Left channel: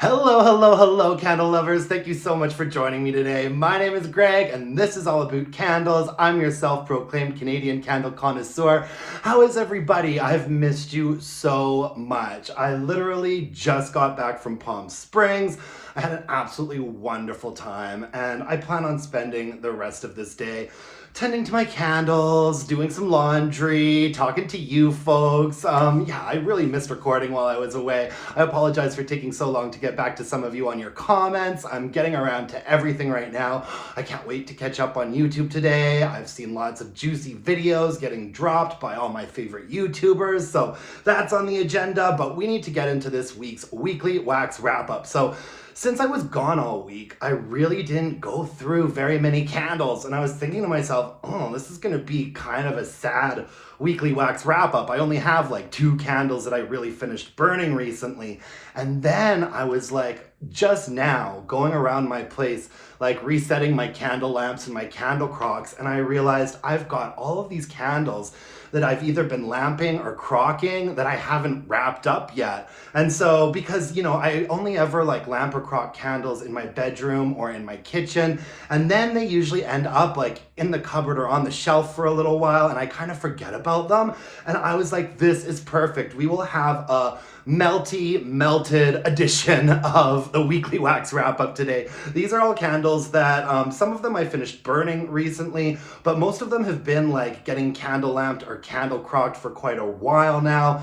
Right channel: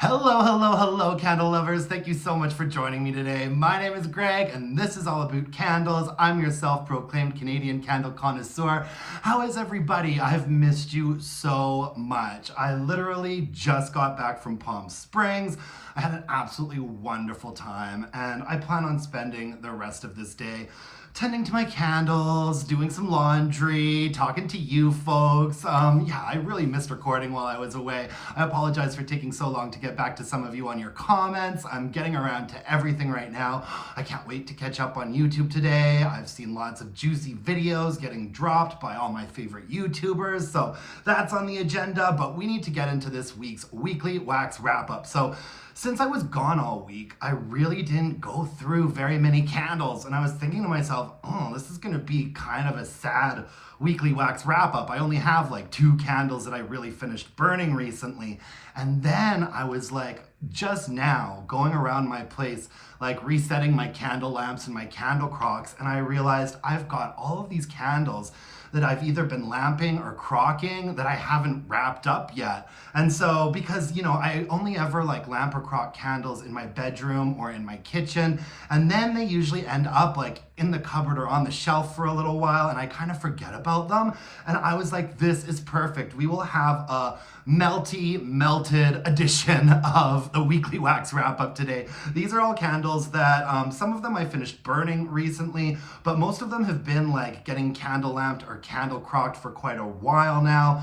Hello, hello, hello, candle lovers. Thank you so much for joining me today. My name is Greg, and this is all about candles. I'm your self-proclaimed Canadian candle connoisseur. How is everybody? I've missed you so much. I literally just got back from Palm Springs. I had an absolutely wonderful time, and I plan on spending the rest of this day tending to my candles, doing some laundry, talking to you folks. Yeah, I really missed recording while I was away. I apologize for taking so long to get back to some of you on your comments. I'm getting around to everything right now. I can't wait to catch up on YouTube today. I've seen lots of juicy videos getting dropped by all my favorite YouTubers, so that's on the agenda, but we need to get into this week's weekly wax wrap-up. So since I was gone all week, I really didn't go through very many candles, and I was thinking to myself, oh, this is gonna be kind of a sad weekly wax wrap up. I only have like 2 candles that I really finished burning recently. And then I was like, just now going around my place, like resetting my candle lamps and my candle crocks, and I realized I've got all of these candles that I've either been lamping or crocking that I haven't wrapped up yet. And so, because, you know, I only ever like lamp or crock candles in my bedroom or in my kitchen, and then they usually end up like in the cupboard or on the shelf for a little while, and I kind of forget about them. And I was like, this is perfect. We will have a melted edition of the weekly wax wrap up today. These are all candles that some of them I finished burning recently, but most of them have been like getting candle lamped or candle crocked for quite a while now,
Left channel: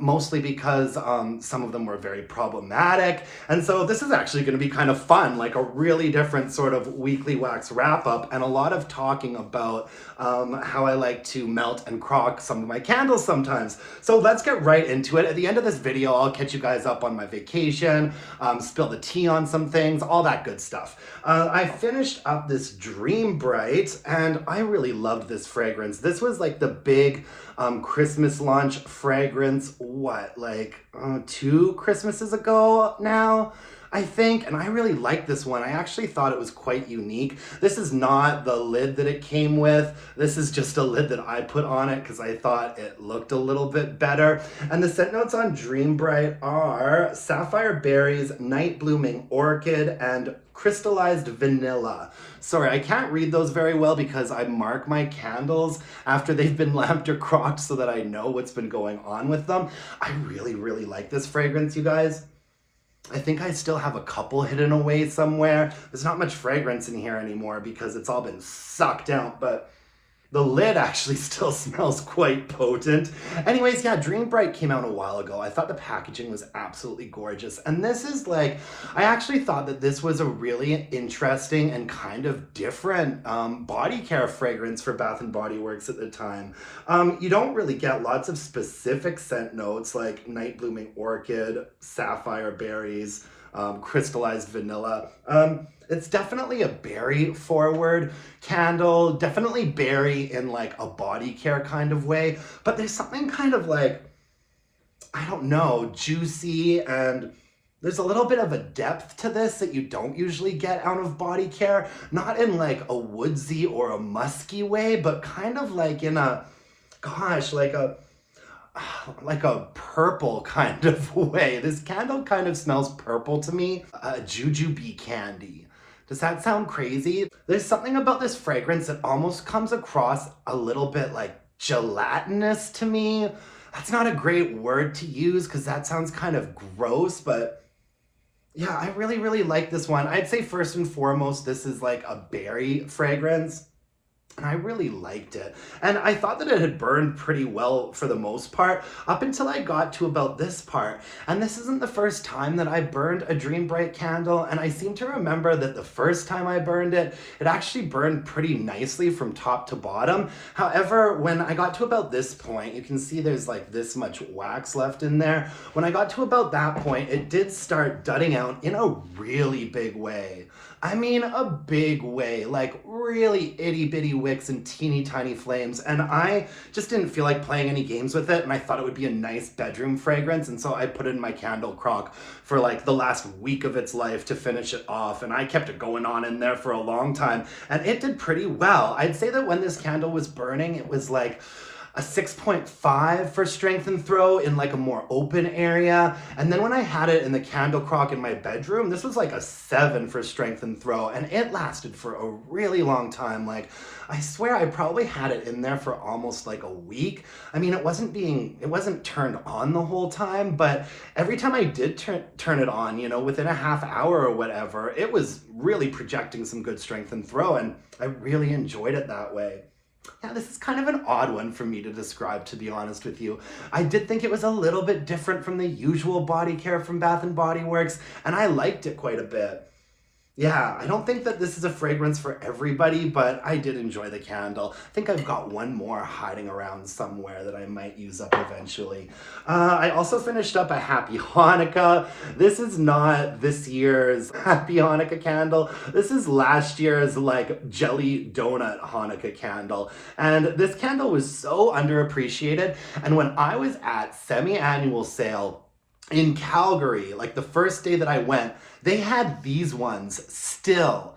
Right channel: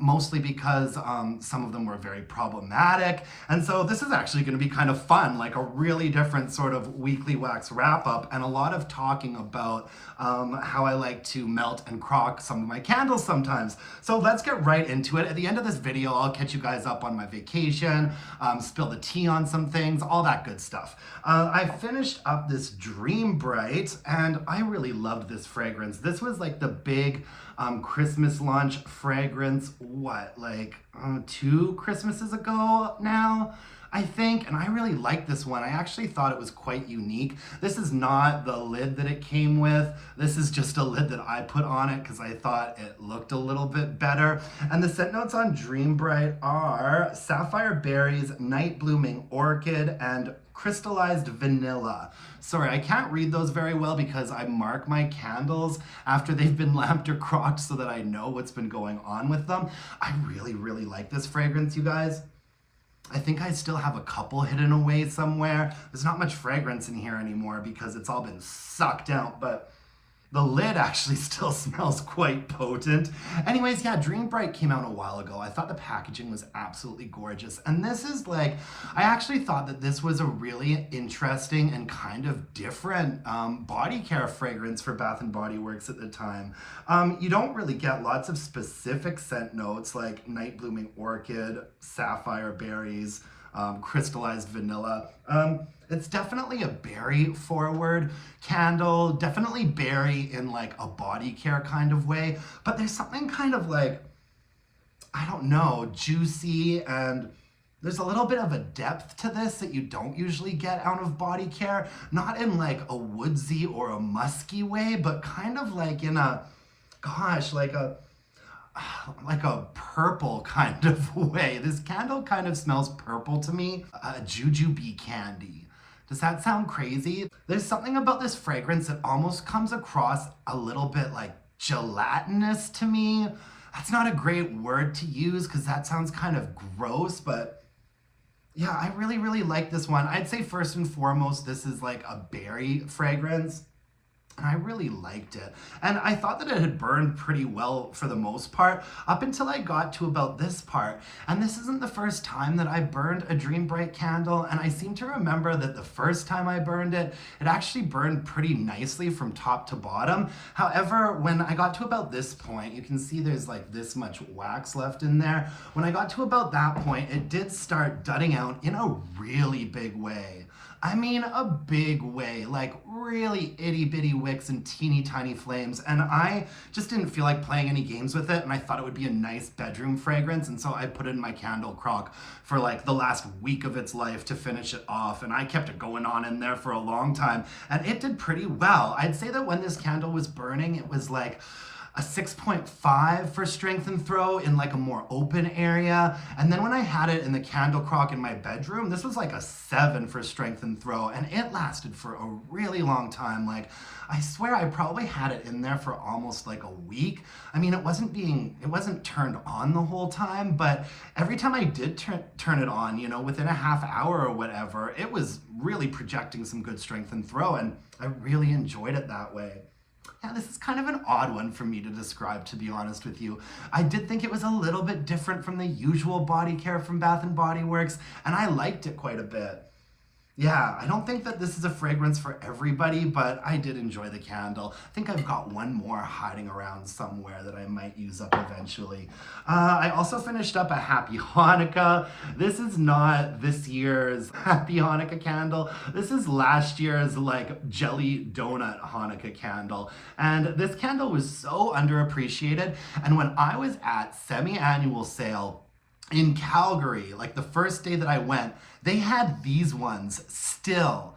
mostly because some of them were very problematic. And so this is actually going to be kind of fun, like a really different sort of weekly wax wrap up, and a lot of talking about how I like to melt and crock some of my candles sometimes. So let's get right into it. At the end of this video, I'll catch you guys up on my vacation, spill the tea on some things, all that good stuff. I finished up this Dream Bright, and I really loved this fragrance. This was like the big Christmas launch fragrance, like 2 Christmases ago now, I think, and I really liked this one. I actually thought it was quite unique. This is not the lid that it came with. This is just a lid that I put on it because I thought it looked a little bit better. And the scent notes on Dream Bright are Sapphire Berries, Night Blooming Orchid, and Crystallized Vanilla. Sorry, I can't read those very well because I mark my candles after they've been lamped or crocked so that I know what's been going on with them. I really, really like this fragrance, you guys. I think I still have a couple hidden away somewhere. There's not much fragrance in here anymore because it's all been sucked out, but the lid actually still smells quite potent. Anyways, yeah, Dream Bright came out a while ago. I thought the packaging was absolutely gorgeous. And this is like, I actually thought that this was a really interesting and kind of different body care fragrance for Bath & Body Works at the time. You don't really get lots of specific scent notes like Night Blooming Orchid, Sapphire Berries, Crystallized Vanilla. It's definitely a berry forward candle, definitely berry in like a body care kind of way, but there's something kind of like, I don't know, juicy, and there's a little bit of a depth to this that you don't usually get out of body care, not in like a woodsy or a musky way, but kind of like in a, gosh, like a purple kind of way. This candle kind of smells purple to me, jujube candy. Does that sound crazy? There's something about this fragrance that almost comes across a little bit like gelatinous to me. That's not a great word to use because that sounds kind of gross, but yeah, I really, really like this one. I'd say first and foremost, this is like a berry fragrance. And I really liked it. And I thought that it had burned pretty well for the most part, up until I got to about this part. And this isn't the first time that I burned a Dream Bright candle, and I seem to remember that the first time I burned it, it actually burned pretty nicely from top to bottom. However, when I got to about this point, you can see there's like this much wax left in there. When I got to about that point, it did start dudding out in a really big way. I mean, a big way, like really itty bitty wicks and teeny tiny flames. And I just didn't feel like playing any games with it. And I thought it would be a nice bedroom fragrance. And so I put it in my candle crock for like the last week of its life to finish it off. And I kept it going on in there for a long time. And it did pretty well. I'd say that when this candle was burning, it was like, a 6.5 for strength and throw in like a more open area. And then when I had it in the candle crock in my bedroom, this was like a 7 for strength and throw, and it lasted for a really long time. Like, I swear I probably had it in there for almost like a week. I mean, it wasn't turned on the whole time, but every time I did turn it on, you know, within a half hour or whatever, it was really projecting some good strength and throw, and I really enjoyed it that way. Yeah, this is kind of an odd one for me to describe, to be honest with you. I did think it was a little bit different from the usual body care from Bath & Body Works, and I liked it quite a bit. Yeah, I don't think that this is a fragrance for everybody, but I did enjoy the candle. I think I've got one more hiding around somewhere that I might use up eventually. I also finished up a Happy Hanukah. This is not this year's Happy Hanukah candle. This is last year's like jelly donut Hanukkah candle. And this candle was so underappreciated. And when I was at semi-annual sale in Calgary, like the first day that I went, they had these ones still.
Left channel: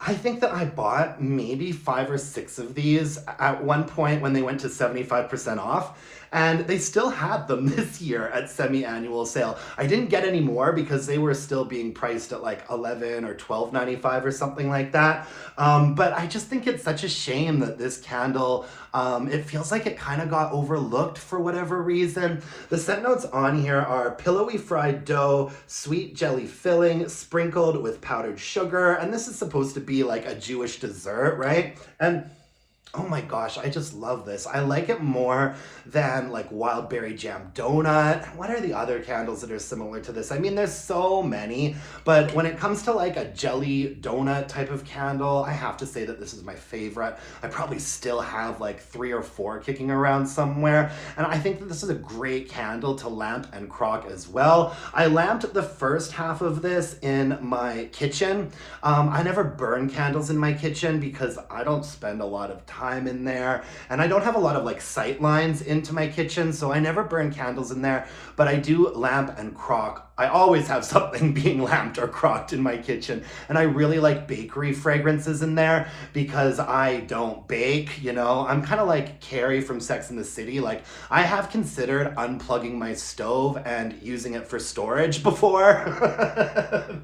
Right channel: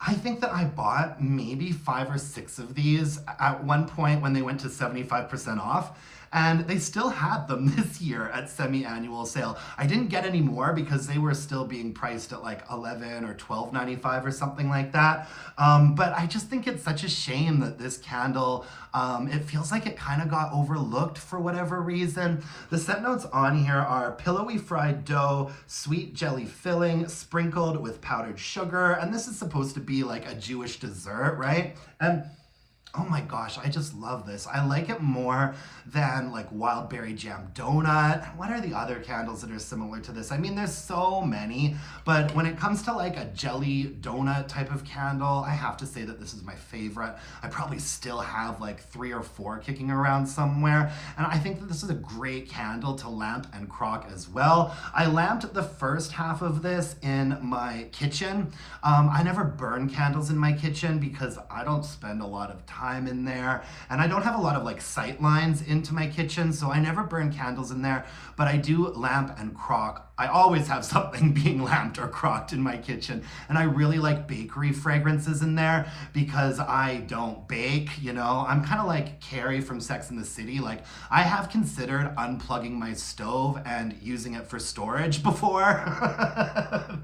I think that I bought maybe 5 or 6 of these at one point when they went to 75% off. And they still had them this year at semi-annual sale. I didn't get any more because they were still being priced at like $11 or $12.95 or something like that. But I just think it's such a shame that this candle, it feels like it kind of got overlooked for whatever reason. The scent notes on here are pillowy fried dough, sweet jelly filling, sprinkled with powdered sugar. And this is supposed to be like a Jewish dessert, right? And oh my gosh, I just love this. I like it more than like wild berry jam donut. What are the other candles that are similar to this? I mean, there's so many, but when it comes to like a jelly donut type of candle, I have to say that this is my favorite. I probably still have like 3 or 4 kicking around somewhere. And I think that this is a great candle to lamp and crock as well. I lamped the first half of this in my kitchen. I never burn candles in my kitchen because I don't spend a lot of time in there, and I don't have a lot of like sight lines into my kitchen, so I never burn candles in there, but I do lamp and crock. I always have something being lamped or crocked in my kitchen, and I really like bakery fragrances in there because I don't bake, you know. I'm kind of like Carrie from Sex and the City. Like, I have considered unplugging my stove and using it for storage before.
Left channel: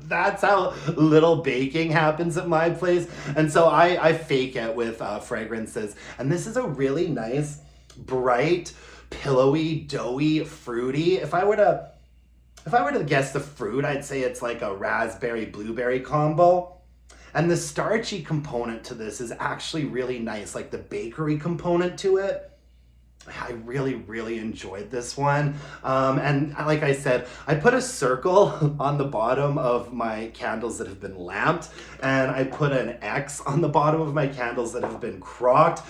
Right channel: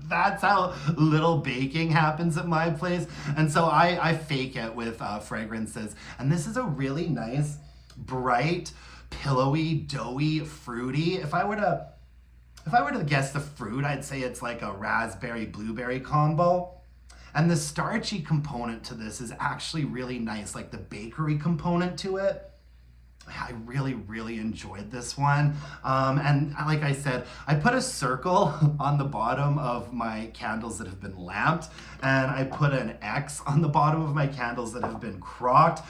That's how little baking happens at my place, and so I fake it with fragrances. And this is a really nice, bright, pillowy, doughy, fruity. If I were to guess the fruit, I'd say it's like a raspberry blueberry combo. And the starchy component to this is actually really nice, like the bakery component to it. I really, really enjoyed this one. And like I said, I put a circle on the bottom of my candles that have been lamped, and I put an X on the bottom of my candles that have been crocked,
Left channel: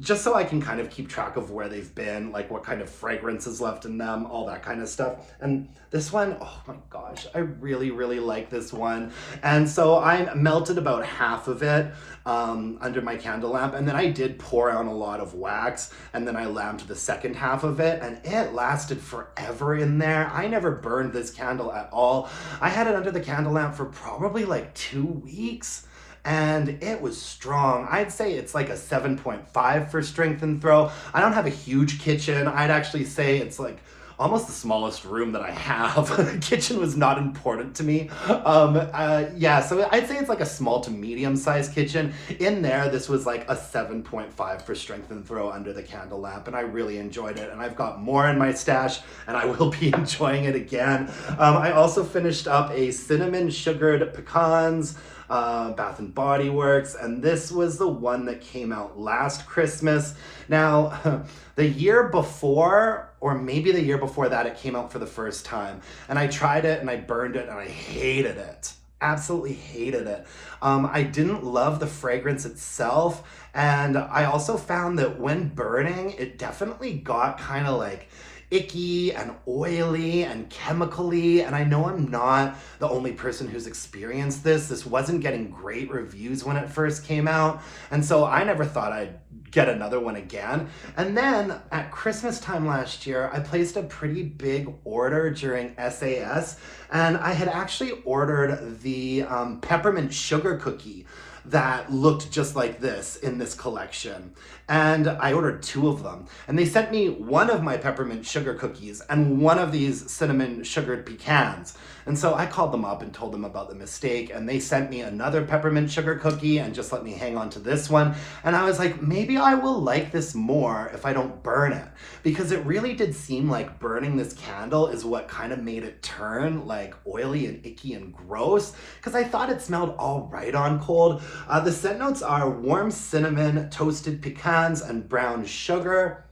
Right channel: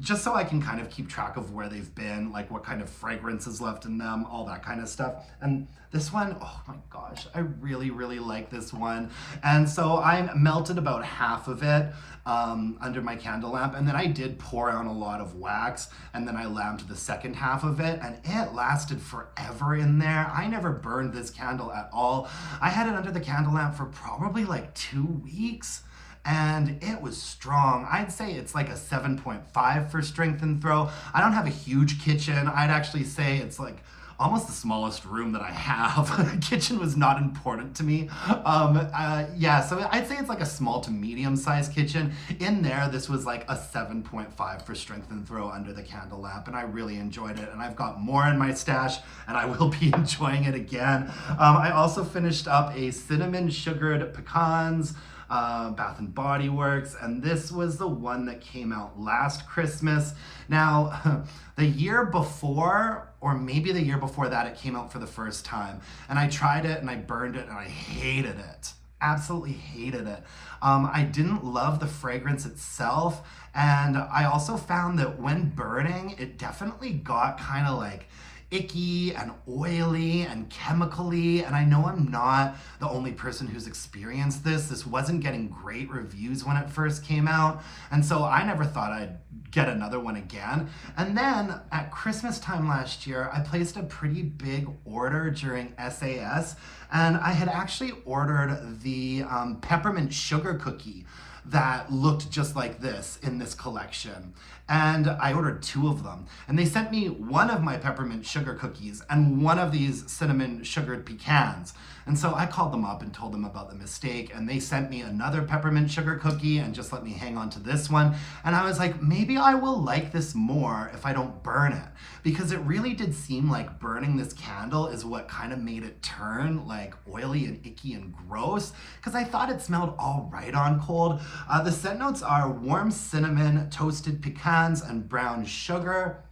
just so I can kind of keep track of where they've been, like what kind of fragrance is left in them, all that kind of stuff. And this one, oh my gosh, I really, really like this one. And so I melted about half of it under my candle lamp, and then I did pour on a lot of wax, and then I lamped the second half of it, and it lasted forever in there. I never burned this candle at all. I had it under the candle lamp for probably like 2 weeks, and it was strong. I'd say it's like a 7.5 for strength and throw. I don't have a huge kitchen. I'd actually say it's like almost the smallest room that I have. Kitchen was not important to me. Yeah, so I'd say it's like a small to medium sized kitchen. In there, this was like a 7.5 for strength and throw under the candle lamp, and I really enjoyed it. And I've got more in my stash, and I will be enjoying it again. I also finished up a cinnamon sugared pecans, Bath & Body Works, and this was the one that came out last Christmas. Now, the year before, or maybe the year before that, it came out for the first time, and I tried it and I burned it and I hated it. Absolutely hated it. I didn't love the fragrance itself, and I also found that when burning, it definitely got kind of like icky and oily and chemically, and I know I'm not the only person who's experienced this. This wasn't getting great reviews when it first came out, and so I never thought I'd get another one again. And then at Christmas time last year, I placed a pretty big order during SAS, and I had actually ordered the peppermint sugar cookie that looked just like this in this collection. And I ordered 2 of them. And they sent me one of my peppermint sugar cookies and one of these cinnamon sugared pecans. And so I called them up and told them about the mistake, and they sent me another peppermint sugar cookie and just let me hang on to this one. And I was like, maybe I will like this more if I don't burn it, because it really did seem like burning this candle is what kind of made it turn like oily and icky and gross, because I thought it smelled all right on cold. The scent notes are warm cinnamon, toasted pecans, and brown sugar.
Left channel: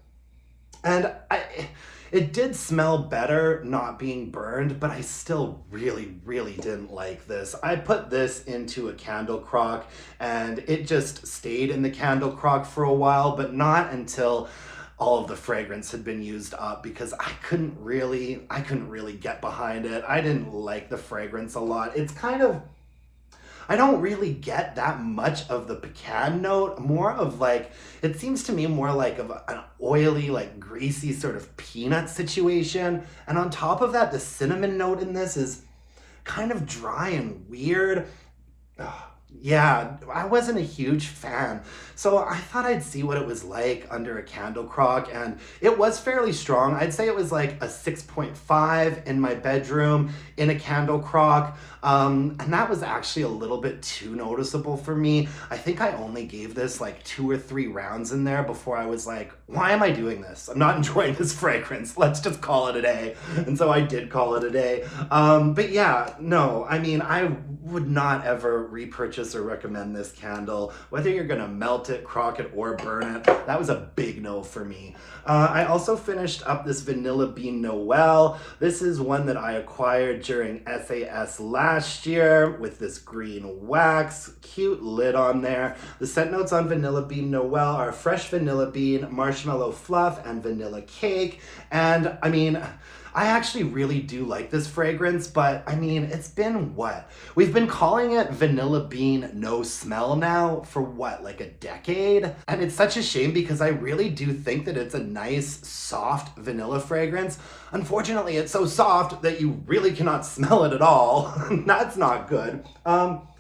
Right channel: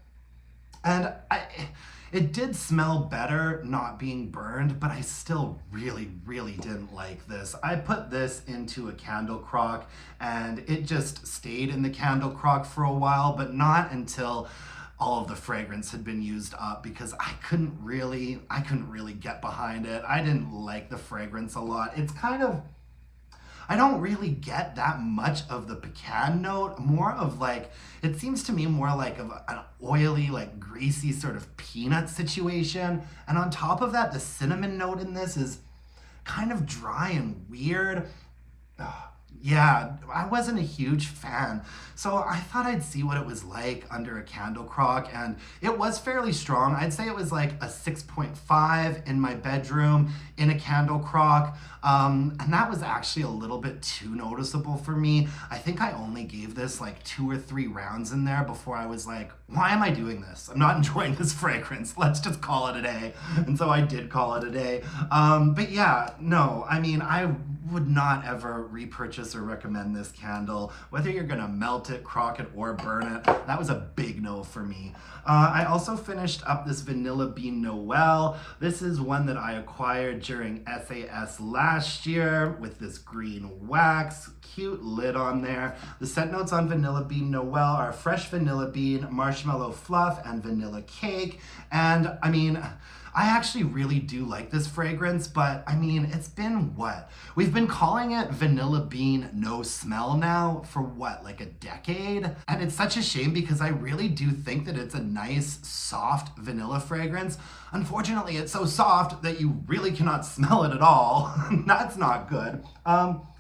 And it did smell better not being burned, but I still really didn't like this. I put this into a candle crock and it just stayed in the candle crock for a while, but not until all of the fragrance had been used up, because I couldn't really get behind it. I didn't like the fragrance a lot. It's kind of, I don't really get that much of the pecan note, more of like, it seems to me more like of an oily, like greasy sort of peanut situation. And on top of that, the cinnamon note in this is kind of dry and weird. Ugh. Yeah, I wasn't a huge fan. So I thought I'd see what it was like under a candle crock, and it was fairly strong. I'd say it was like a 6.5 in my bedroom in a candle crock. And that was actually a little bit too noticeable for me. I think I only gave this like 2 or 3 rounds in there before I was like, why am I doing this? I'm not enjoying this fragrance. Let's just call it a day. And so I did call it a day. But yeah, no, I mean, I would not ever repurchase or recommend this candle, whether you're gonna melt it, crock it, or burn it. That was a big no for me. I also finished up this Vanilla Bean Noel. This is one that I acquired during SAS last year with this green wax, cute lid on there. The scent notes on Vanilla Bean Noel are fresh vanilla bean, marshmallow fluff, and vanilla cake. And I mean, I actually really do like this fragrance, but I mean, it's been what? We've been calling it Vanilla Bean No Smell now for what, like a decade? And it's such a shame because I really do think that it's a nice, soft vanilla fragrance. Unfortunately, it's so soft that you really cannot smell it at all. That's not good.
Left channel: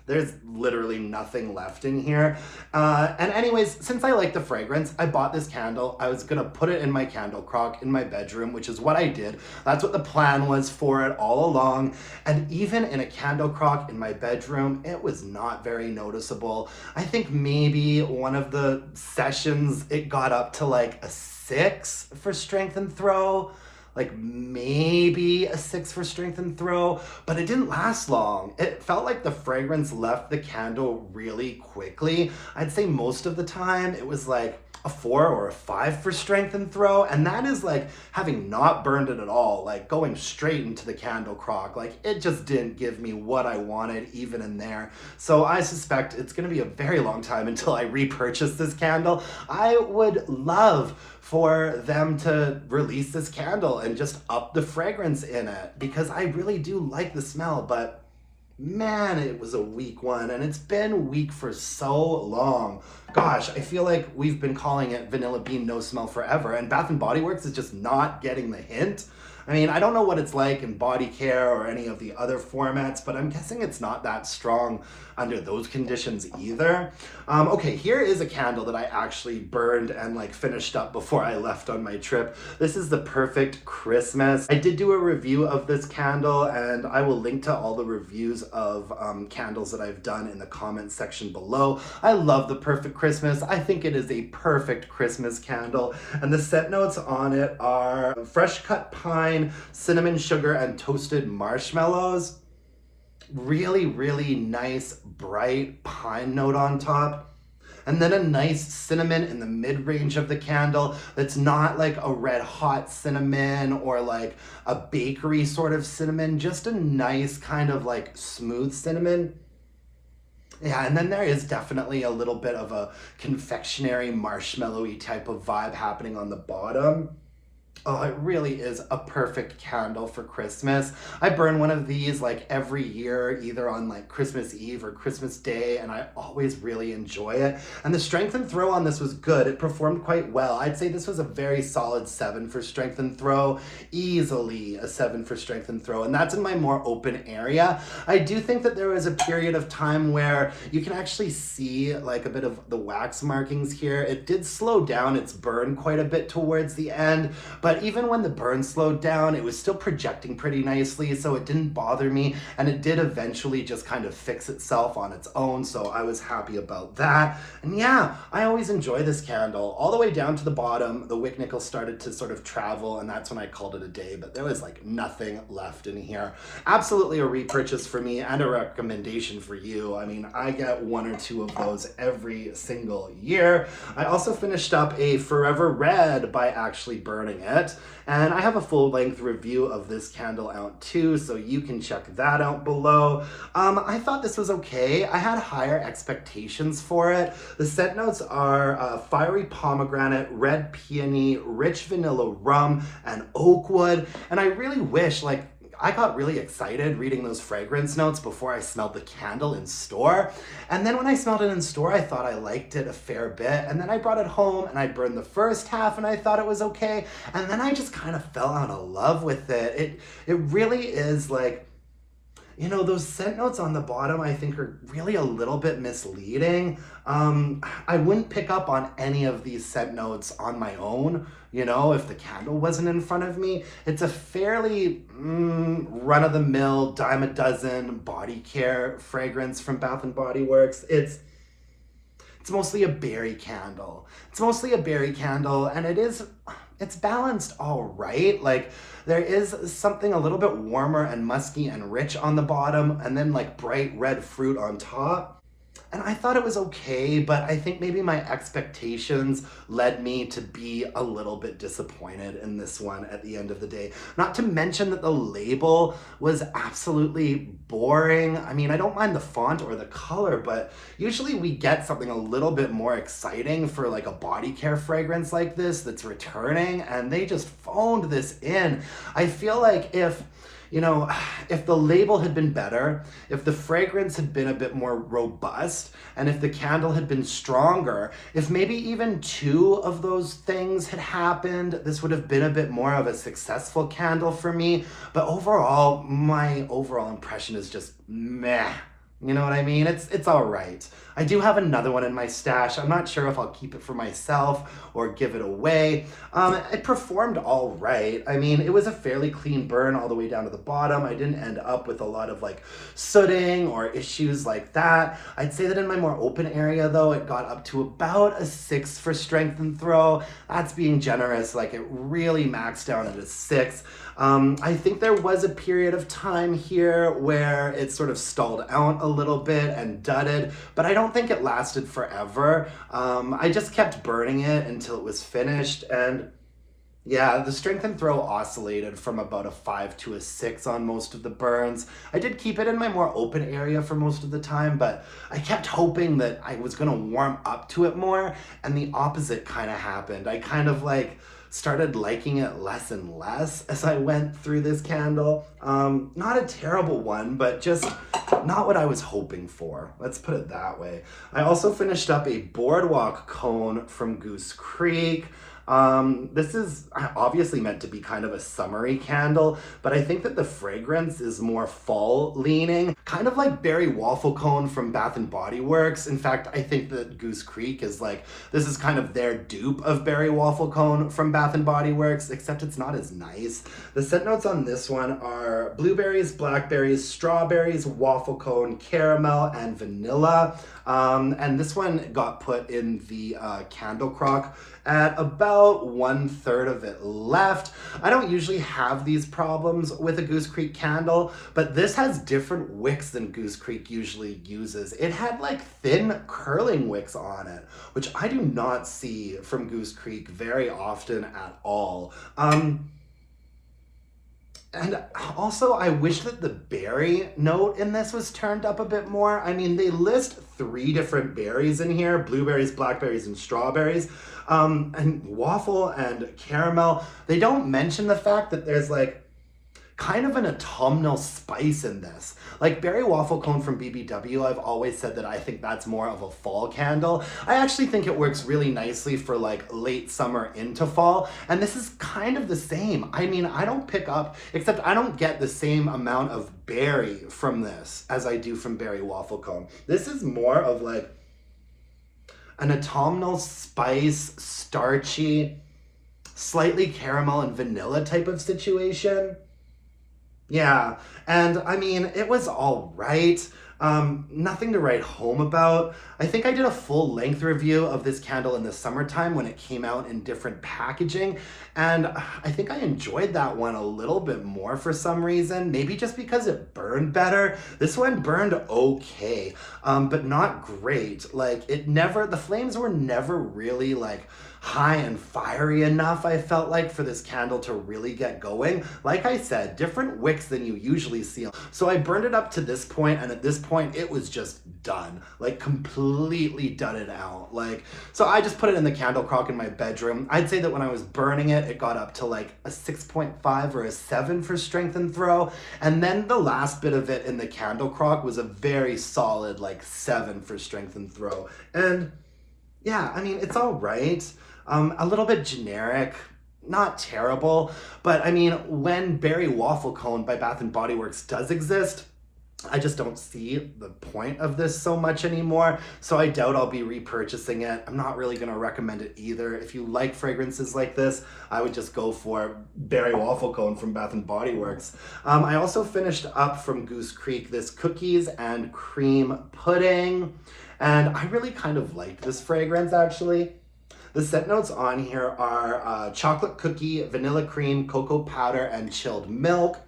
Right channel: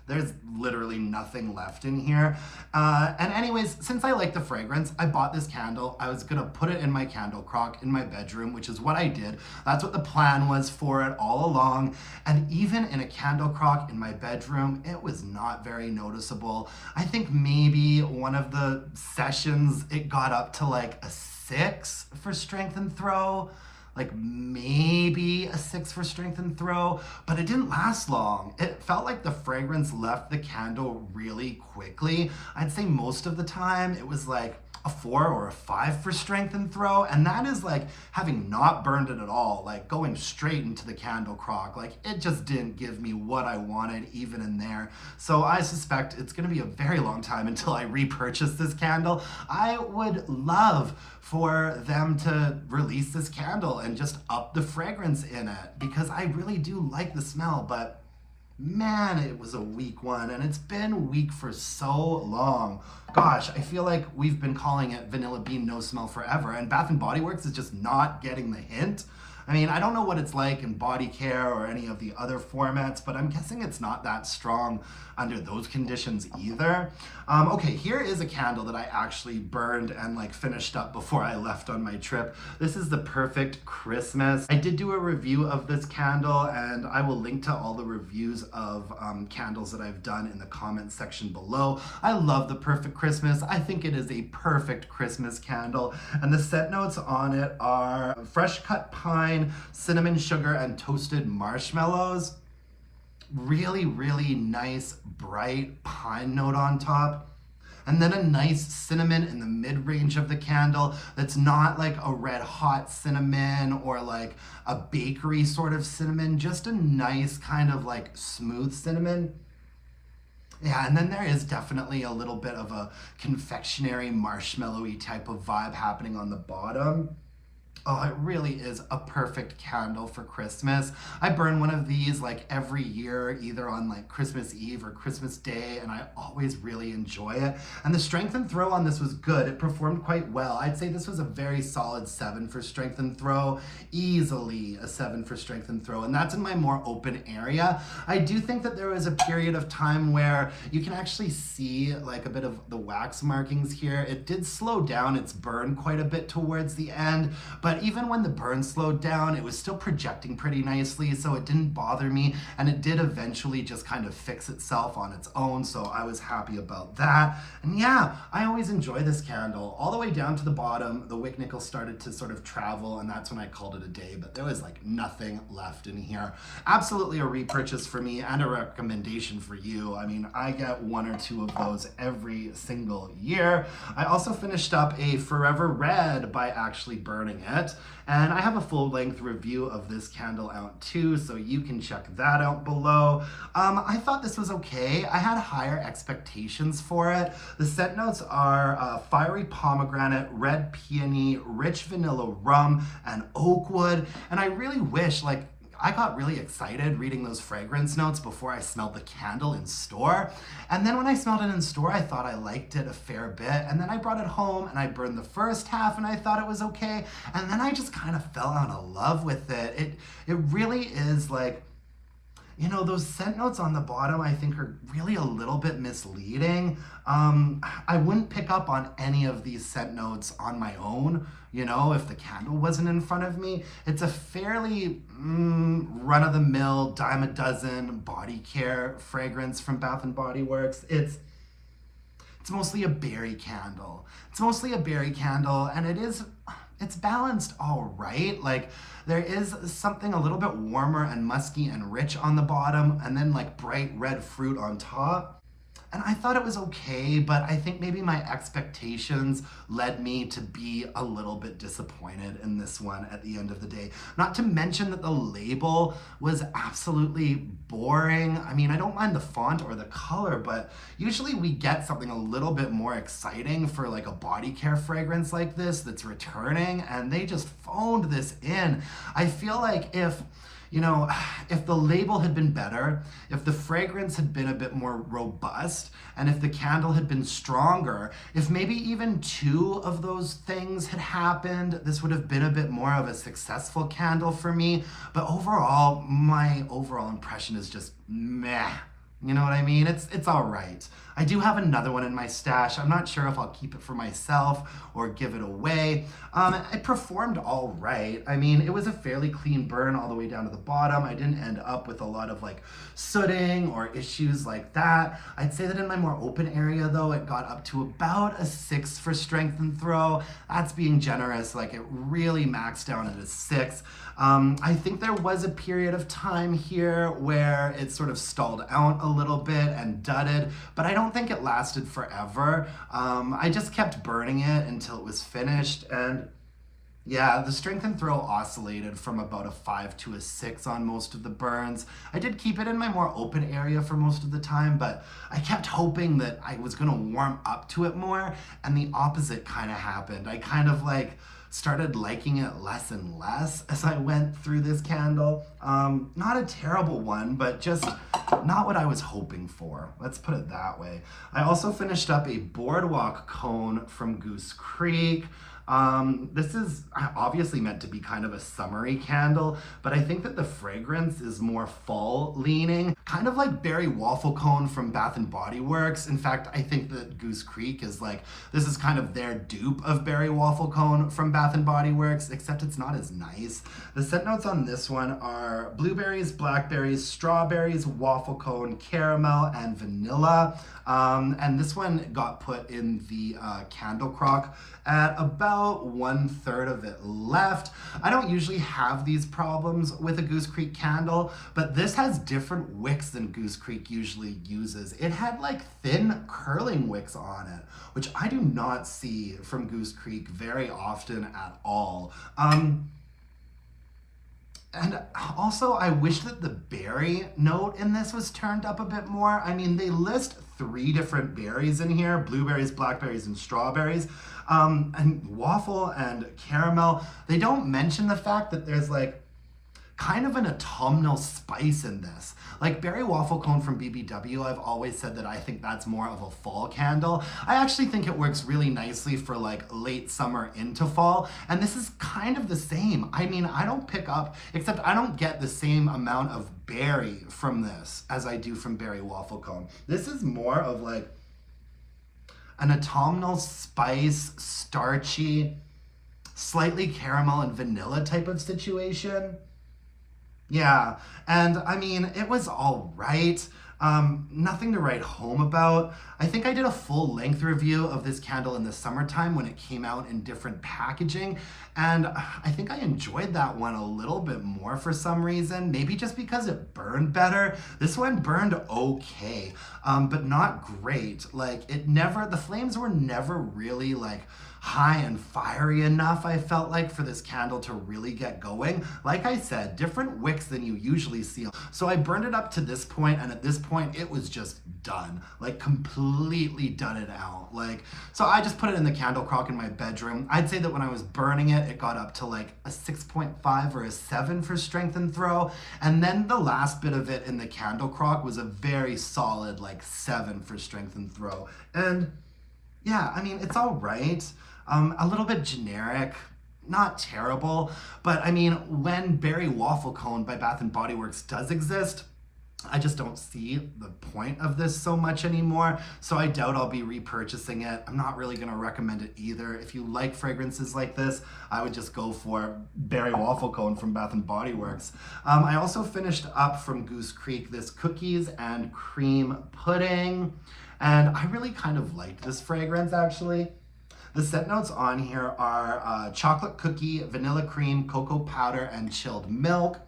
There's literally nothing left in here. And anyways, since I like the fragrance, I bought this candle. I was gonna put it in my candle crock in my bedroom, which is what I did. That's what the plan was for it all along. And even in a candle crock in my bedroom, it was not very noticeable. I think maybe one of the sessions, it got up to like a 6 for strength and throw. Like maybe a 6 for strength and throw, but it didn't last long. It felt like the fragrance left the candle really quickly. I'd say most of the time it was like a 4 or a 5 for strength and throw, and that is like having not burned it at all, like going straight into the candle crock. Like it just didn't give me what I wanted even in there. So I suspect it's gonna be a very long time until I repurchase this candle. I would love for them to release this candle and just up the fragrance in it, because I really do like the smell, but man, it was a weak one, and it's been weak for so long. Gosh, I feel like we've been calling it Vanilla Bean No Smell forever, and Bath & Body Works is just not getting the hint. I mean, I don't know what it's like in body care or any of the other formats, but I'm guessing it's not that strong under those conditions either. Okay, here is a candle that I actually burned and like finished up before I left on my trip. This is the Perfect Christmas. I did do a review of this candle, and I will link to all the reviews of candles that I've done in the comments section below. I love the Perfect Christmas. I think it is a perfect Christmas candle, and the scent notes on it are fresh cut pine, cinnamon sugar, and toasted marshmallows. Really nice bright pine note on top, and then a nice cinnamon in the mid-range of the candle that's not like a red hot cinnamon or like a bakery sort of cinnamon, just a nice kind of like smooth cinnamon. Yeah, and then there is definitely a little bit of a confectionery marshmallowy type of vibe happening on the bottom. Oh, it really is a perfect candle for Christmas. I burn one of these like every year, either on like Christmas Eve or Christmas Day, and I always really enjoy it. And the strength and throw on this was good. It performed quite well. I'd say this was a very solid 7 for strength and throw, easily a 7 for strength and throw, and that's in my more open area. I do think that there was a period of time where you can actually see like a bit of the wax markings here. It did slow down its burn quite a bit towards the end, but even when the burn slowed down, it was still projecting pretty nicely, so it didn't bother me, and it did eventually just kind of fix itself on its own, so I was happy about that. And yeah, I always enjoy this candle. All the way down to the bottom, the wick nickel started to sort of travel, and that's when I called it a day, but there was like nothing left in here. Absolutely a repurchase for me and a recommendation for you. I mean, I get 1 or 2 of those every single year. I also finished up a Forever Red by actually burning it. And I have a full-length review of this candle out too, so you can check that out below. I thought this was okay. I had higher expectations for it. The scent notes are fiery pomegranate, red peony, rich vanilla rum, and oak wood. And I really wish, like, I got really excited reading those fragrance notes before I smelled the candle in store. And then when I smelled it in store, I thought I liked it a fair bit. And then I brought it home and I burned the first half and I thought it was okay. And then I just kind of fell out of love with it. It really is like, you know, those scent notes on the bottom I think are really a little bit misleading. I wouldn't pick up on any of these scent notes on my own, you know, if the candle wasn't in front of me. It's a fairly run-of-the-mill, dime a dozen body care fragrance from Bath and Body Works. It's mostly a berry candle. It's mostly a berry candle, and it's balanced all right. Like, there is something a little bit warmer and musky and rich on the bottom, and then like bright red fruit on top. And I thought it was okay, but I think maybe my expectations led me to be a little bit disappointed in this one at the end of the day. Not to mention that the label was absolutely boring. I mean, I don't mind the font or the color, but usually we get something a little bit more exciting for like a body care fragrance like this that's returning, and they just phoned this in. I feel like if the label had been better, if the fragrance had been a bit more robust, and if the candle had been stronger, if maybe even 2 of those things had happened, this would have been a bit more of a successful candle for me. But overall, my overall impression is just meh. You know what I mean? It's all right. I do have another one in my stash. I'm not sure if I'll keep it for myself or give it away. It performed all right. I mean, it was a fairly clean burn all the way down to the bottom. I didn't end up with a lot of like sooting or issues like that. I'd say that in my more open area though, it got up to about a 6 for strength and throw. That's being generous. Like, it really maxed down at a 6. I think there was a period of time here where it sort of stalled out a little bit and dudded, but I don't think it lasted forever. I just kept burning it until it was finished, and yeah, the strength and throw oscillated from about a 5 to a 6 on most of the burns. I did keep it in my more open area for most of the time, but I kept hoping that I was gonna warm up to it more, and the opposite kind of happened. I kind of like started liking it less and less as I went through this candle. Not a terrible one, but just not what I was hoping for. Let's put it that way. I also finished up a Boardwalk cone from Goose Creek. This is obviously meant to be kind of a summery candle, but I think that the fragrance is more fall leaning, kind of like Berry Waffle Cone from Bath and Body Works. In fact, I think that Goose Creek is like, this is kind of their dupe of Berry Waffle Cone from Bath and Body Works, except it's not as nice. The scent notes on this one are blueberries, blackberries, strawberries, waffle cone, caramel, and vanilla. And this one got put in the candle crock at about 1/3 of it left. I don't usually have these problems with a Goose Creek candle, but this has different wicks than Goose Creek usually uses. It had like thin curling wicks on it, which I do not see from Goose Creek very often at all. And also, I wish that the berry note in this was turned up a bit more. I mean, they list 3 different berries in here: blueberries, blackberries, and strawberries. And waffle and caramel. They don't mention the fact that there's like kind of an autumnal spice in this. Like berry waffle cone from BBW, I've always said that I think that's more of a fall candle. I actually think it works really nicely for like late summer into fall, and this is kind of the same. I mean, I don't pick up, except I don't get the same amount of berry from this as I do from berry waffle cone. This is more of like an autumnal spice, starchy, slightly caramel and vanilla type of situation. Yeah, and I mean, it was all right. Nothing to write home about. I think I did a full length review of this candle in the summertime when it came out in different packaging, and I think I enjoyed that one a little bit more for some reason. Maybe just because it burned better. This one burned okay, but not great. Like the flames were never really like high and fiery enough, I felt like, for this candle to really get going. Like I said, different wicks than you usually see. So I burned it up to this point, and at this point it was just done, like completely done it out. Like, so I just put it in the candle crock in my bedroom. I'd say that when I was burning it, it got up to like a 6.5 or a 7 for strength and throw, and then the last bit of it in the candle crock was a very solid like 7 for strength and throw. And yeah, I mean, it's all right. A little bit generic, not terrible, but I mean, when Berry Waffle Cone by Bath & Body Works does exist, I just don't see the point of this so much anymore, so I doubt I'll be repurchasing it. I'm not really going to recommend it either. If you like fragrances like this, I would just go for Berry Waffle Cone from Bath & Body Works. I also finished up from Goose Creek this cookies and cream pudding, and I really kind of liked this fragrance, actually. The scent notes on here are chocolate cookie, vanilla cream, cocoa powder, and chilled milk.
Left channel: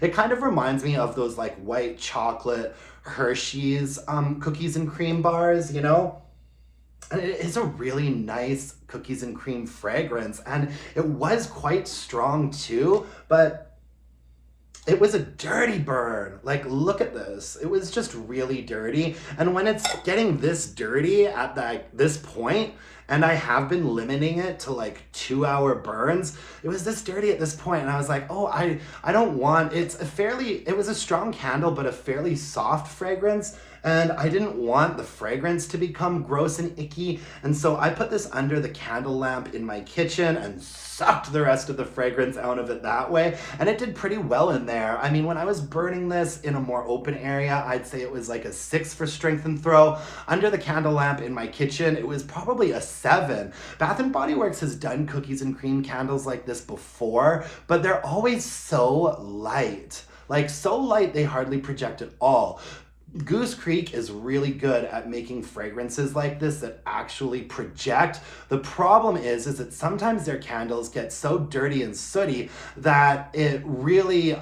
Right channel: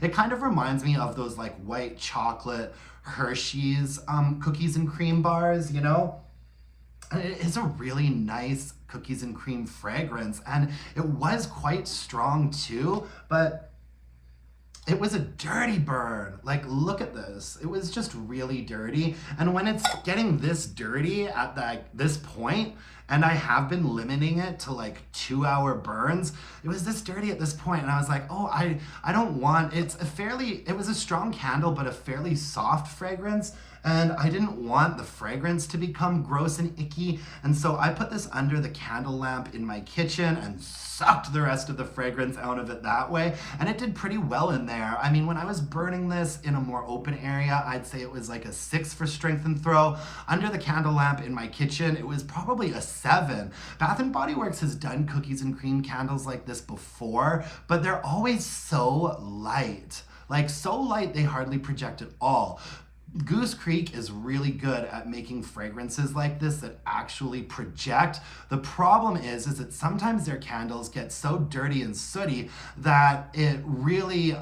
It kind of reminds me of those like white chocolate Hershey's cookies and cream bars, you know? And it is a really nice cookies and cream fragrance, and it was quite strong too, but it was a dirty burn. Like, look at this. It was just really dirty. And when it's getting this dirty at this point, and I have been limiting it to like 2-hour burns, it was this dirty at this point, and I was like, oh, I don't want, it was a strong candle, but a fairly soft fragrance, and I didn't want the fragrance to become gross and icky, and so I put this under the candle lamp in my kitchen and sucked the rest of the fragrance out of it that way, and it did pretty well in there. I mean, when I was burning this in a more open area, I'd say it was like a 6 for strength and throw. Under the candle lamp in my kitchen, it was probably a 7. Bath & Body Works has done cookies and cream candles like this before, but they're always so light. Like, so light they hardly project at all. Goose Creek is really good at making fragrances like this that actually project. The problem is that sometimes their candles get so dirty and sooty that it really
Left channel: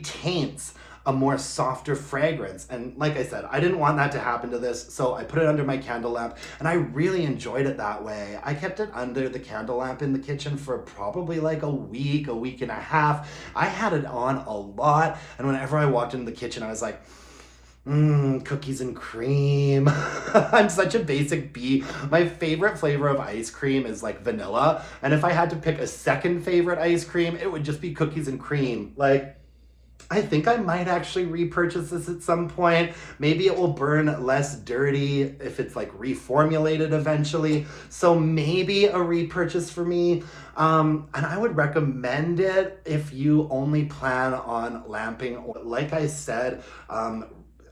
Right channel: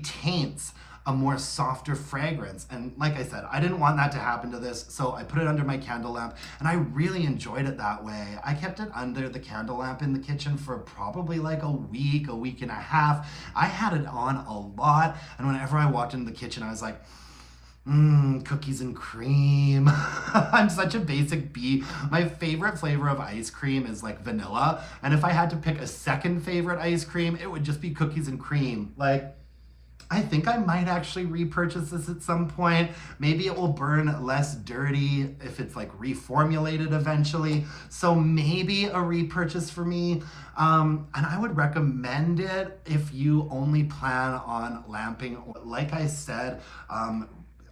taints a more softer fragrance. And like I said, I didn't want that to happen to this, so I put it under my candle lamp, and I really enjoyed it that way. I kept it under the candle lamp in the kitchen for probably like a week and a half. I had it on a lot, and whenever I walked into the kitchen, I was like, cookies and cream. I'm such a basic bee. My favorite flavor of ice cream is like vanilla, and if I had to pick a second favorite ice cream, it would just be cookies and cream. Like, I think I might actually repurchase this at some point. Maybe it will burn less dirty if it's like reformulated eventually. So maybe a repurchase for me. And I would recommend it if you only plan on lamping. Like I said,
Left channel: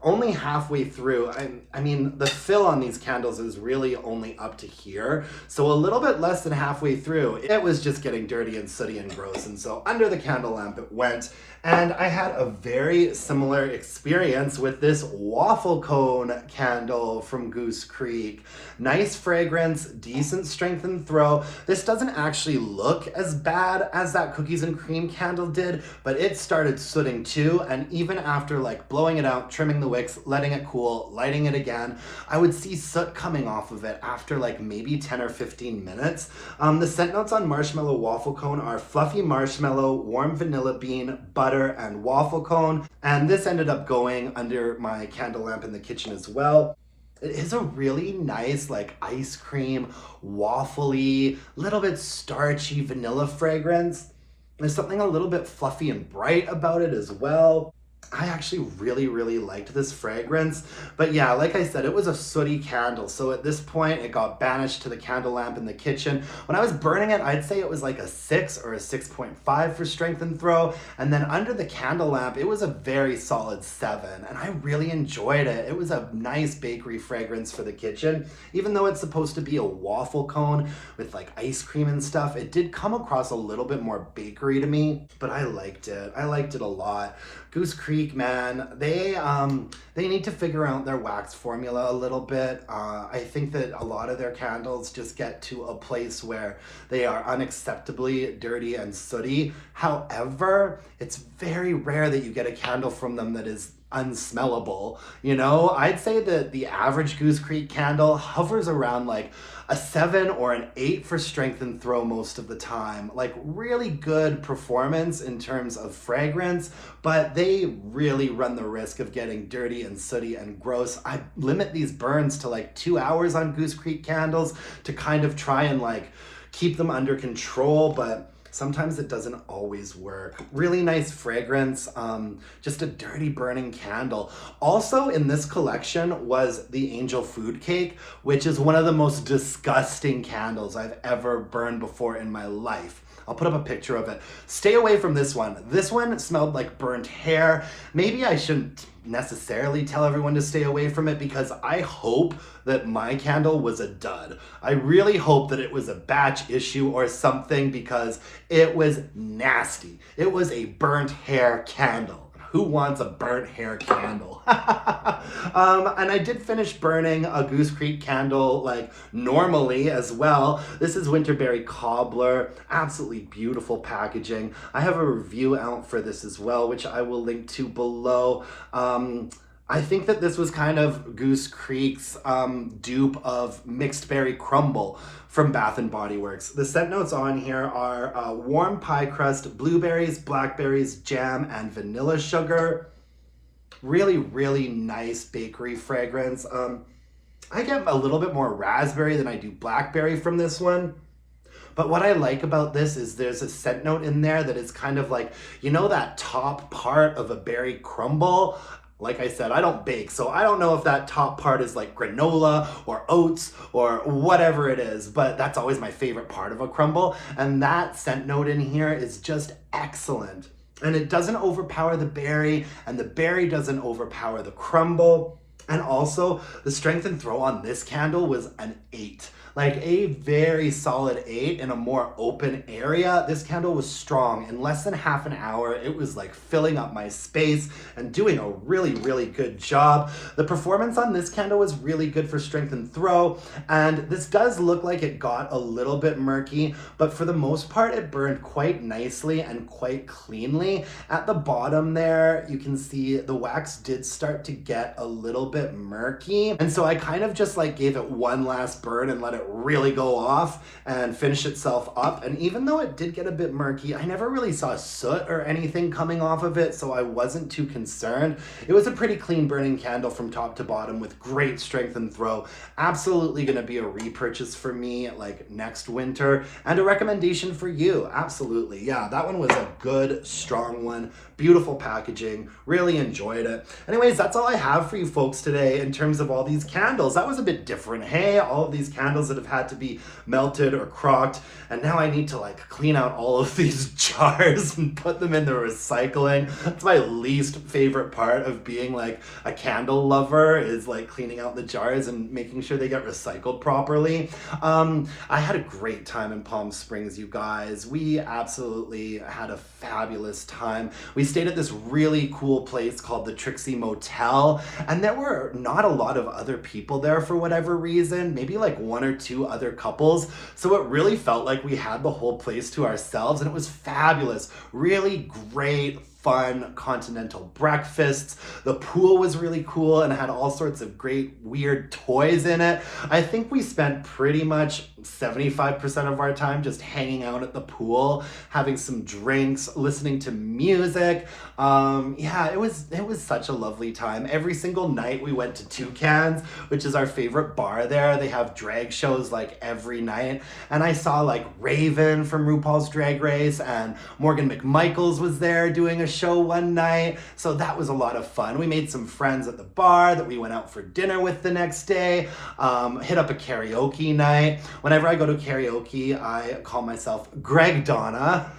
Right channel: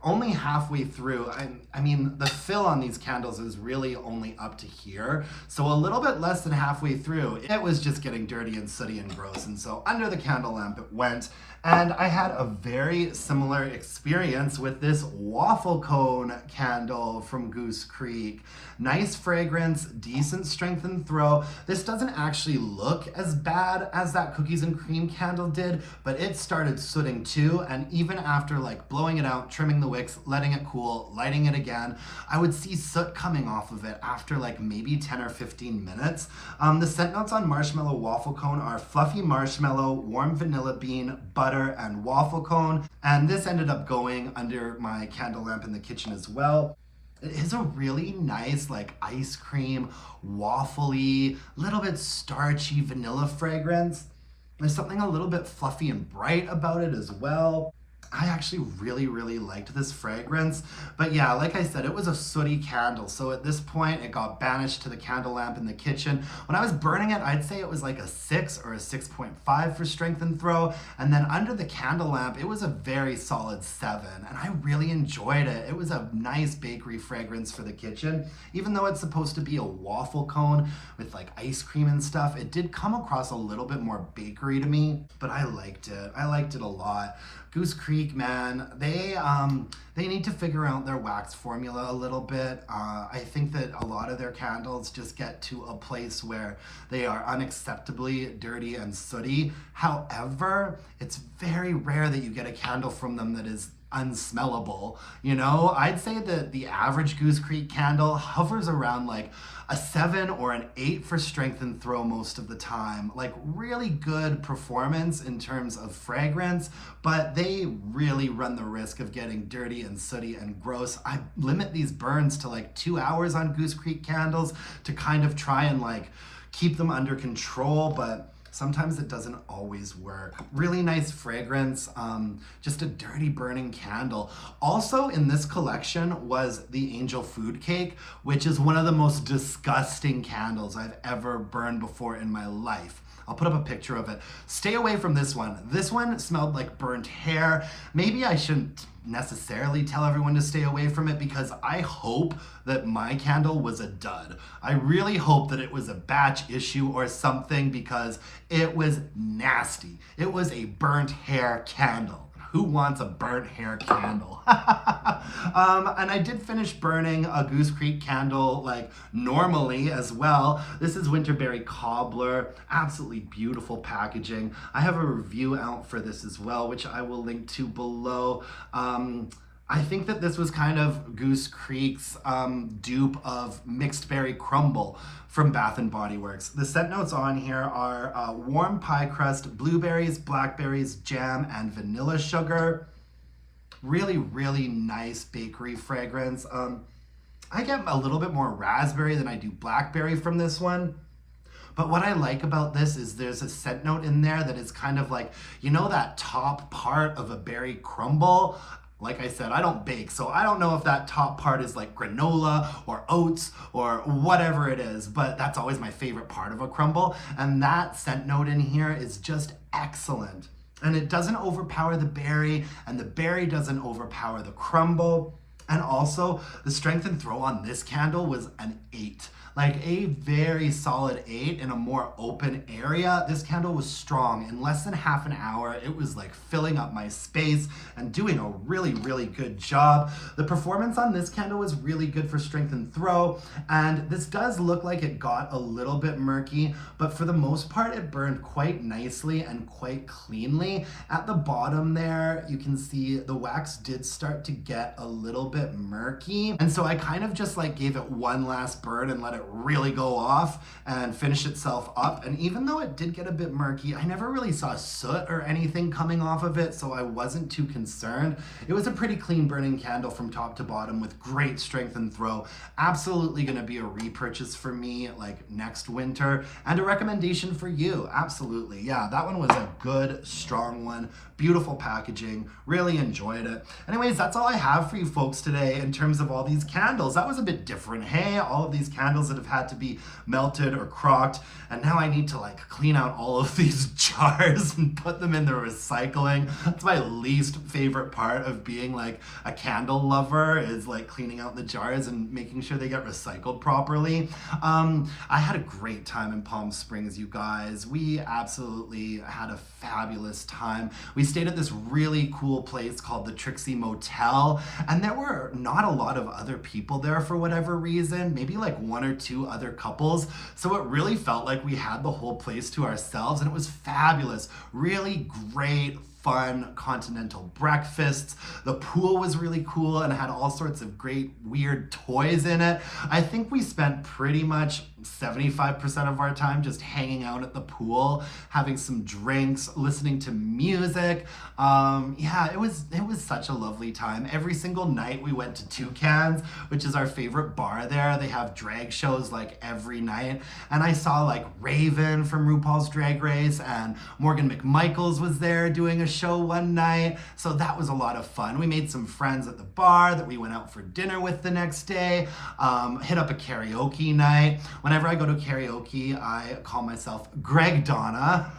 only halfway through. I mean, the fill on these candles is really only up to here. So a little bit less than halfway through, it was just getting dirty and sooty and gross. And so under the candle lamp it went. And I had a very similar experience with this waffle cone candle from Goose Creek. Nice fragrance, decent strength and throw. This doesn't actually look as bad as that cookies and cream candle did, but it started sooting too. And even after like blowing it out, trimming the wicks, letting it cool, lighting it again, I would see soot coming off of it after like maybe 10 or 15 minutes. The scent notes on Marshmallow Waffle Cone are fluffy marshmallow, warm vanilla bean, butter, and waffle cone. And this ended up going under my candle lamp in the kitchen as well. It is a really nice, like ice cream, waffly, little bit starchy vanilla fragrance. There's something a little bit fluffy and bright about it as well. I actually really liked this fragrance, but yeah, like I said, it was a sooty candle, so at this point it got banished to the candle lamp in the kitchen. When I was burning it, I'd say it was like a 6 or a 6.5 for strength and throw, and then under the candle lamp it was a very solid 7, and I really enjoyed it. It was a nice bakery fragrance for the kitchen. Even though it's supposed to be a waffle cone with like ice cream and stuff, it did come across a little bit more bakery to me, but I liked it. I liked it a lot. Goose Creek, man, they need to figure out their wax formula a little bit. I think that a lot of their candles just get to a place where they are unacceptably dirty and sooty. However, it's very rare that you get a candle from them that is unsmellable. You know, I'd say that the average Goose Creek candle hovers around like a 7 or an 8 for strength and throw most of the time. Like really good performance in terms of fragrance, but they really run the risk of getting dirty and sooty and gross. I limit these burns to like 2 hours on Goose Creek candles to kind of try and like keep them under control, but sometimes it doesn't always work. Really nice fragrance, just a dirty burning candle. Also in this collection was the Angel Food Cake, which is one of the most disgusting candles I've ever burned before in my life. I'll put up a picture of it. Stay away from this one. This one smelled like burnt hair. Maybe I shouldn't necessarily tell everyone to stay away from it because I hope that my candle was a dud. I really hope that it was a batch issue or something because it was nasty. It was a burnt hair candle. Who wants a burnt hair candle? And I did finish burning a Goose Creek candle like normally as well. This is Winterberry Cobbler. Absolutely beautiful packaging. I have a review out for this as well, which I will link to below. I think that this was kind of Goose Creek's dupe of Mixed Berry Crumble from Bath & Body Works. The scent notes on here are warm pie crust, blueberries, blackberries, jam, and vanilla sugar. Really nice bakery fragrance. I get a little bit more raspberry than I do blackberry from this one. But what I like about this is there's a scent note in there that is kind of like, you know, that top part of a berry crumble? Like I said, I don't bake, so I don't know if that top part is like granola or oats or whatever it is, but that's always my favorite part of a crumble. And that scent note in here is just excellent. And it doesn't overpower the berry, and the berry doesn't overpower the crumble. And also, the strength and throw on this candle was an 8. Like a very solid 8 in a more open area. This candle was strong. In less than half an hour, it was like filling up my space and doing a really good job. The performance on this candle was really good for strength and throw. And this does look like it got a little bit murky, but for the most part, it burned quite nicely and quite cleanly. At the bottom there, you can see the wax did start to get a little bit murky. And so I kind of just like gave it one last burn and let it really go off and finish itself up. And even though it did get a bit murky, I never really saw soot or anything coming off of it, so I wasn't too concerned. It was a pretty clean burning candle from top to bottom with great strength and throw. Absolutely gonna be a repurchase for me like next winter, and a recommendation for you. Absolutely. Yeah, that one was a good, strong one. Beautiful packaging. Really enjoyed it. Anyways, that's all I have for you folks today in terms of all these candles. That was a bit different. Hey, all of these candles that have had to be melted or crocked, and now I need to like clean out all of these jars and put them in the recycling. That's my least favorite part of being like a candle lover, is like cleaning out the jars and making sure they get recycled properly. I had a great time in Palm Springs, you guys. We absolutely had a fabulous time. We stayed at this really cool place called the Trixie Motel, and there were not a lot of other people there for whatever reason, maybe like one or two other couples. So it really felt like we had the whole place to ourselves, and it was fabulous. Really great, fun continental breakfasts. The pool was really cool and had all sorts of great weird toys in it. I think we spent pretty much 75% of our time just hanging out at the pool, having some drinks, listening to music. Yeah, it was such a lovely time. Every single night we went to Pecans, which is our favorite bar there. They have drag shows like every night, and I saw like Raven from RuPaul's Drag Race, and Morgan McMichaels was there doing a show one night. So that was a lot of fun. We made some friends at the bar that we went out for dinner with the next day. Hit up a karaoke night. Whenever I go to karaoke, I call myself Greg Donna.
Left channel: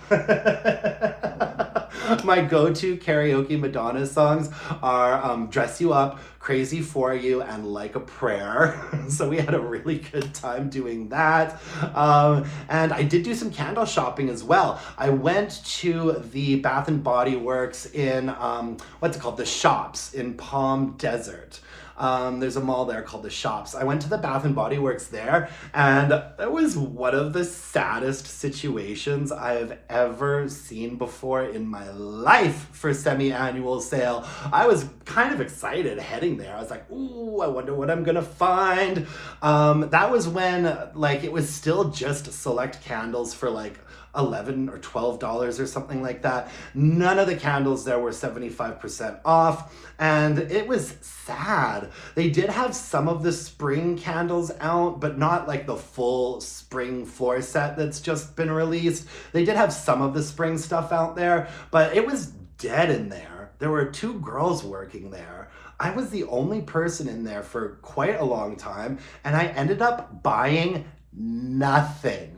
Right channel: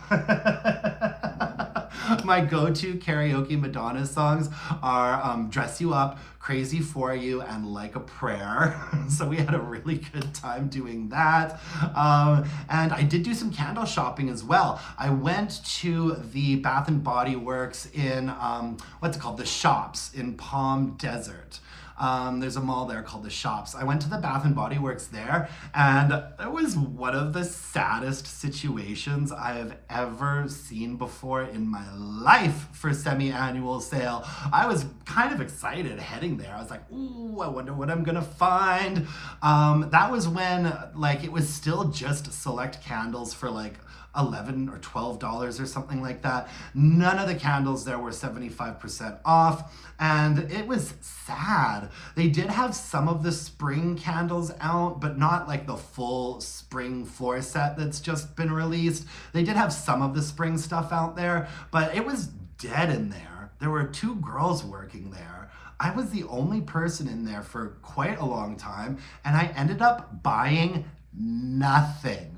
My go-to karaoke Madonna songs are Dress You Up, Crazy For You, and Like a Prayer. So we had a really good time doing that. And I did do some candle shopping as well. I went to the Bath and Body Works in, what's it called? The Shops in Palm Desert. There's a mall there called The Shops. I went to the Bath and Body Works there, and it was one of the saddest situations I have ever seen before in my life for semi-annual sale. I was kind of excited heading there. I was like, ooh, I wonder what I'm gonna find. That was when like it was still just select candles for like $11 or $12 or something like that. None of the candles there were 75% off, and it was sad. They did have some of the spring candles out, but not like the full spring floor set that's just been released. They did have some of the spring stuff out there, but it was dead in there. There were two girls working there. I was the only person in there for quite a long time, and I ended up buying nothing.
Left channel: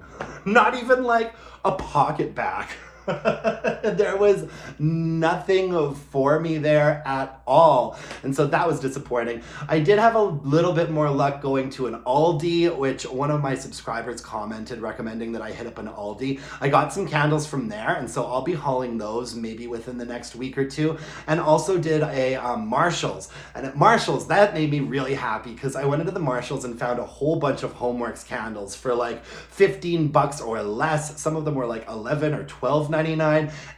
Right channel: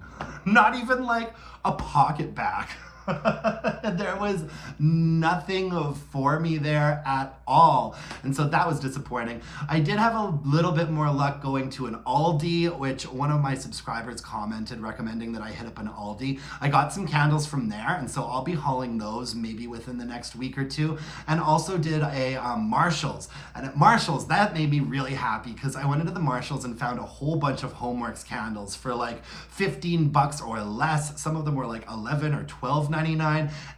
Not even like a pocket back. There was nothing for me there at all. And so that was disappointing. I did have a little bit more luck going to an Aldi, which one of my subscribers commented recommending that I hit up an Aldi. I got some candles from there, and so I'll be hauling those maybe within the next week or two. And also did a Marshall's. And at Marshall's, that made me really happy because I went into the Marshall's and found a whole bunch of Homeworks candles for like $15 or less. Some of them were like $11 or $12.99,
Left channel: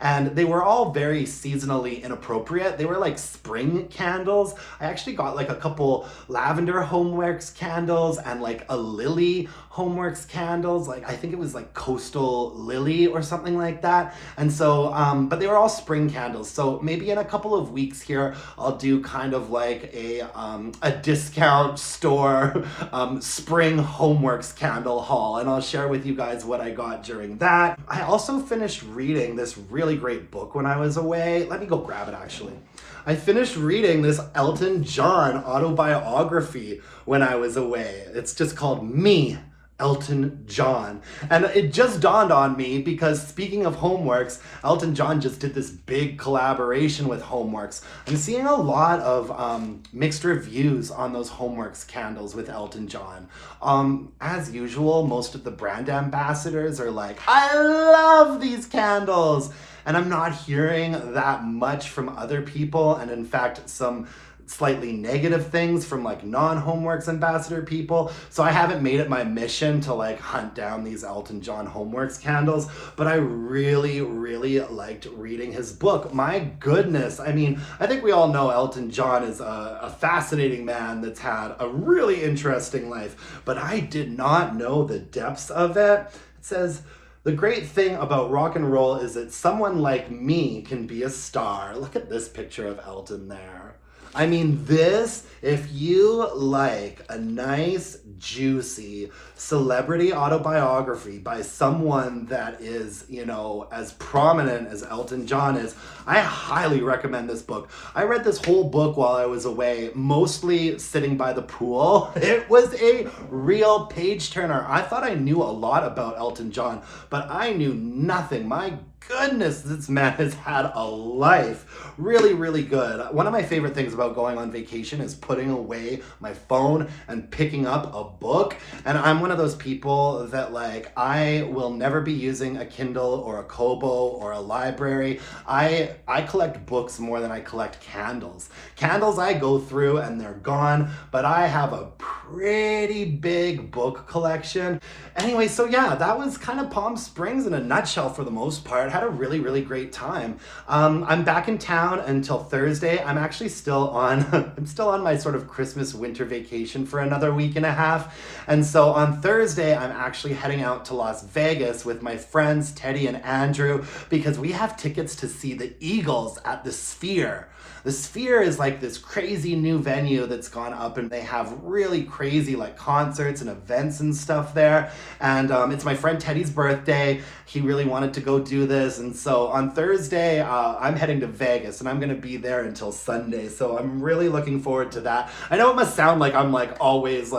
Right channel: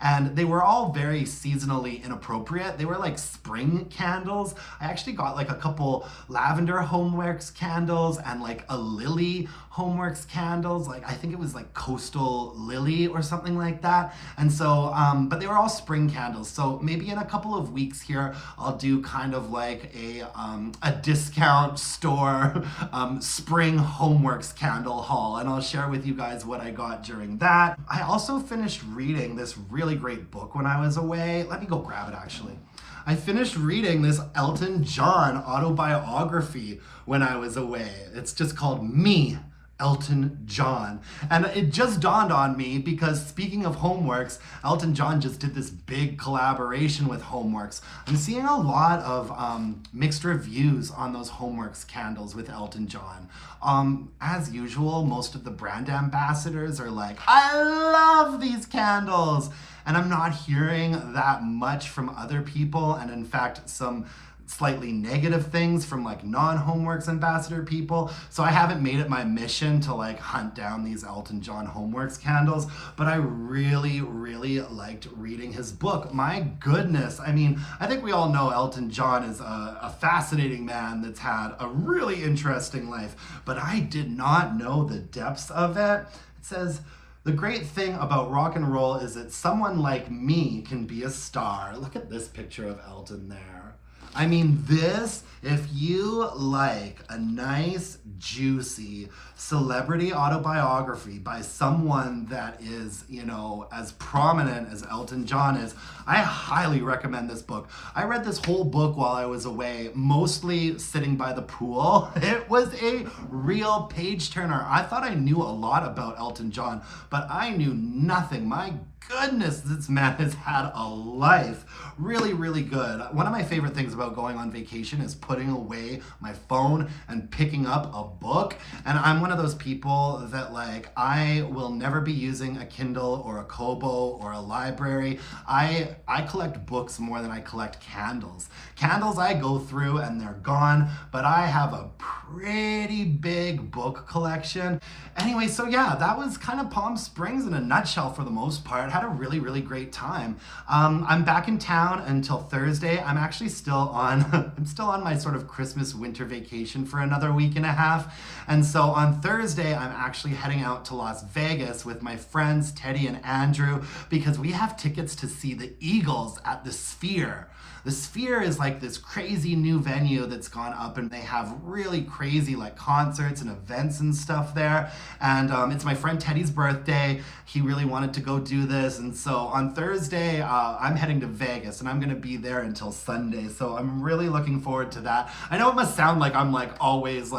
and they were all very seasonally inappropriate. They were like spring candles. I actually got like a couple lavender Homeworks candles and like a lily Homeworks candles. Like I think it was like Coastal Lily or something like that. And so, but they were all spring candles. So maybe in a couple of weeks here, I'll do kind of like a discount store spring Homeworks candle haul, and I'll share with you guys what I got during that. I also finished reading this really great book when I was away. Let me go grab it actually. I finished reading this Elton John autobiography when I was away. It's just called Me, Elton John. And it just dawned on me because speaking of Homeworks, Elton John just did this big collaboration with Homeworks. I'm seeing a lot of mixed reviews on those Homeworks candles with Elton John. As usual, most of the brand ambassadors are like, I love these candles. And I'm not hearing that much from other people. And in fact, some slightly negative things from like non-Homeworks ambassador people. So I haven't made it my mission to like hunt down these Elton John Homeworks candles, but I really, really liked reading his book. My goodness. I mean, I think we all know Elton John is a fascinating man that's had a really interesting life, but I did not know the depths of it. It says, the great thing about rock and roll is that someone like me can be a star. Look at this picture of Elton there. I mean, this, if you like a nice, juicy celebrity autobiography by someone that is, as prominent as Elton John is, I highly recommend this book. I read this whole book while I was away, mostly sitting by the pool. It was a real page turner. I thought I knew a lot about Elton John, but I knew nothing. My goodness, this man has had a life. Really, really good. One of my favorite things about going on vacation is putting away my phone and picking up a book. And I'm one of those people that I will never be using a Kindle or a Kobo or a library. I collect books more than I collect candles. Candles I go through and they're gone, but I have a pretty big book collection. Anyway, so yeah, that was kind of Palm Springs in a nutshell for the most part. Had a really, really great time. I'm back in town until Thursday. I'm actually still on I'm still on my sort of Christmas winter vacation for another week and a half. And so on Thursday, I'm actually heading out to Las Vegas with my friends Teddy and Andrew because we have tickets to see the Eagles at the Sphere. The Sphere is like this crazy new venue that's gone up, and they have really crazy concerts and events and stuff there. And it's my friend Teddy's birthday. He really wanted to go do this. And so on Thursday, I'm heading to Vegas, and I'm going to be there until Sunday. So I'm really looking forward to that. I know it must sound like I'm always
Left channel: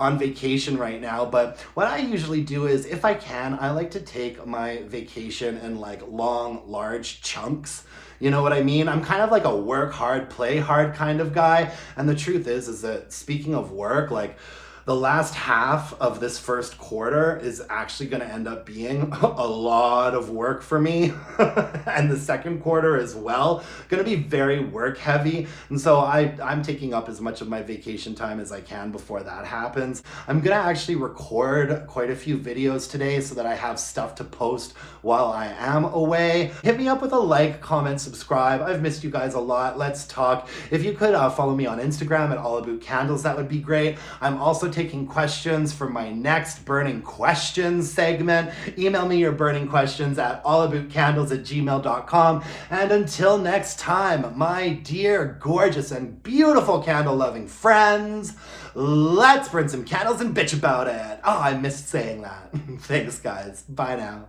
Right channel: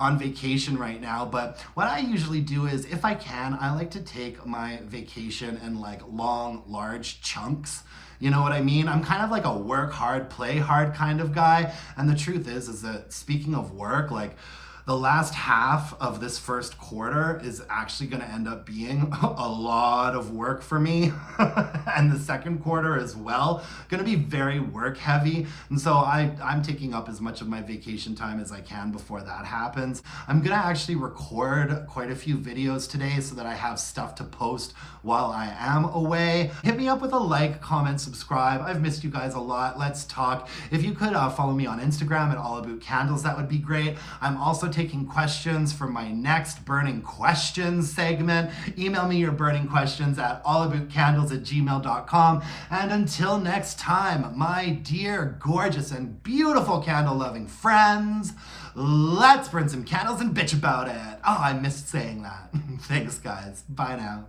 on vacation right now, but what I usually do is, if I can, I like to take my vacation in long, large chunks. You know what I mean? I'm kind of like a work hard, play hard kind of guy. And the truth is that speaking of work, the last half of this first quarter is actually going to end up being a lot of work for me. And the second quarter as well, going to be very work heavy. And so I'm taking up as much of my vacation time as I can before that happens. I'm going to actually record quite a few videos today so that I have stuff to post while I am away. Hit me up with a like, comment, subscribe. I've missed you guys a lot. Let's talk. If you could follow me on Instagram at allaboutcandles, that would be great. I'm also taking questions for my next Burning Questions segment. Email me your burning questions at allaboutcandles@gmail.com. And until next time, my dear, gorgeous, and beautiful candle-loving friends, let's burn some candles and bitch about it. Oh, I missed saying that. Thanks, guys. Bye now.